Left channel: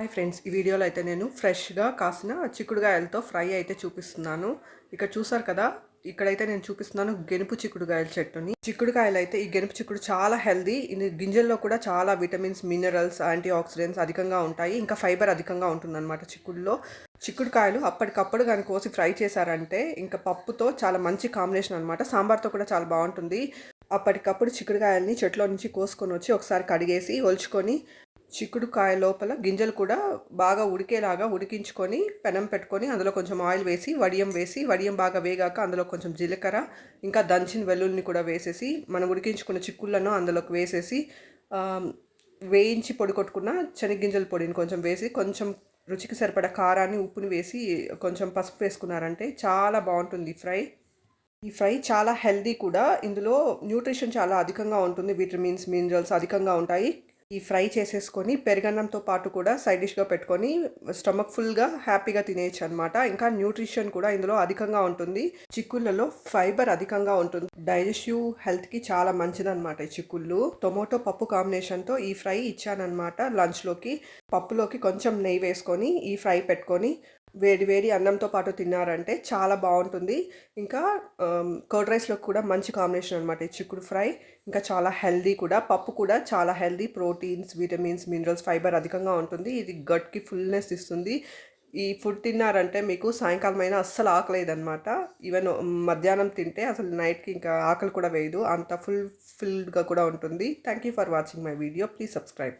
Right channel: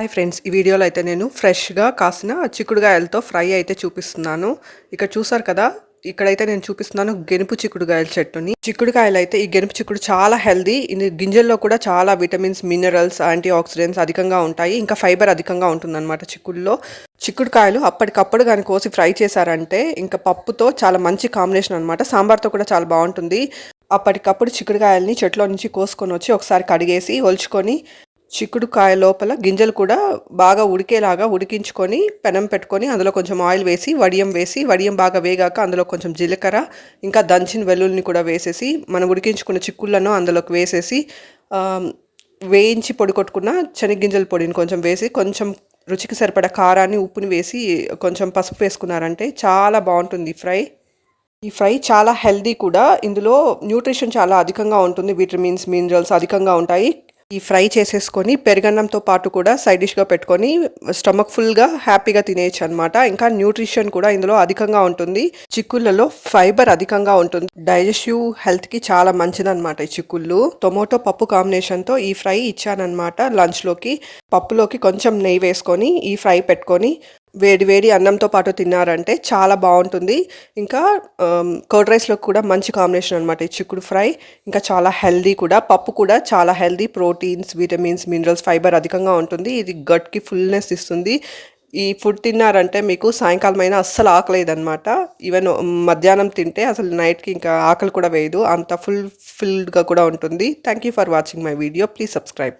Hi friends, ఈ వీడియోలో అయితే నేను ఫ్రెష్‌గా కాసిన చిక్కుడుగాయలతో ఫ్రై అయితే చూపిస్తున్నాను. ఇక్కడ చూసారు కదా! ఇక్కడైతే నేను చూపిస్తున్నాను గెనుపు చిక్కుడుగాయల చెట్టుని. చిక్కుడుకాయలైతే ఈ గెనుపు చిక్కుడు చాలా హెల్తీ. ఇది గింజల్లో కూడా చాలా విటమిన్స్, మినరల్స్, యాంటీ ఆక్సిడెంట్స్ అధికంగా ఉంటాయి. ఇంకా ఫైబర్ అధికంగా ఉంటుందన్నమాట చిక్కుడులో. చిక్కుడుకాయలు అప్పటికప్పుడు గాని కోసి ఫ్రై చేశారంటే ఇంకా పప్పుతో చాలా మంచి కాంబినేషన్ అనమాట. సాంబార్‌తో కూడా చాలా బావుంటుంది. అప్పటికప్పుడు చిక్కుడుకాయలని చెట్లో నుంచి కోసుకొనొచ్చి ఒకసారి కడిగేసి, ఒలుచుకొని చిక్కుడుకాయ లోపల గింజలు కూడా బాగా ఉడికేలాగా ఉడికించుకొని పెనం పెట్టుకొని అందులో కొంచెం ఆయిల్ వేసి వడియం బాగా వేగాక అందులో కొంచెం జీలకర్ర ఇంకా దంచిన వెల్లుల్లిని కూడా వేసేసి మనం ఉడికించుకున్న చిక్కుళ్ళను అందులోకి వేసేసి వేయించి పొడి కొట్టుకున్న శనగగింజల పొడిని కొంచెం వేసి కొంచెం రుచికి సరిపడా కారాన్ని ఉప్పుని వేసి కొంచెం పసుపు వేసుకున్నారంటే చాలా బాగుంటుంది ఈ ఫ్రై చాలా హెల్దీ కూడా. ఇందులో న్యూట్రిషన్ చాలా అధికంగా ఉంటుంది. విటమిన్స్, మినరల్స్ అధికంగా ఉంటాయి. ఈ ఫ్రై చేసేసుకొని పెరుగన్నంతో పాటు కూడా సైడ్ డిష్‌గా పెట్టుకొని స్టమక్ ఫుల్‌గా హ్యాపీగా తినేయొచ్చనమాట. ఇంకా న్యూట్రిషన్ కూడా ఇందులో అధికంగా ఉంటుంది. చిక్కుళ్ళలో ఫైబర్ అధికంగా ఉంటుంది. డైజెస్టివ్ హెల్త్‌కి చాలా మంచిదనమాట ఈ చిక్కుళ్ళు. టొమాటో పప్పు కాంబినేషన్‌తో ఈ ఫ్రై ఇచ్చాననమాట లంచ్‌లోకి. పప్పులోకి కొంచెం నెయ్యి వేసుకొని ఈ ఫ్రై పెట్టుకొని వేడి వేడి అన్నంతో పాటు తిన్నారంటే చాలా బాగుంటుంది. ఇంకా కర్డ్ రైస్‌లో కూడా మంచి కాంబినేషన్ అనమాట ఈ చిక్కుడు ఫ్రై. ఇంకా చాలా హెల్తీ కూడా. పప్పు కూడా చాలా healthy. Proteins, vitamins, minerals, fibre అధికంగా ఉంటుంది. ఇది గట్‌కి ఫుల్‌నెస్ ఇస్తుంది. ఈ ఫుడ్ తిన్నారంటే మీకు సాయంకాలం అయినా అస్సలు ఆకలేయదనమాట. ఈవెన్ మధ్యాహ్నం తింటే అసలు నైట్‌కి ఇంకా ఆకలి కూడా వేయదు. అంత ఫుల్‌గా కూడా ఉంటుంది. Thank you for watching my video. Please subscribe.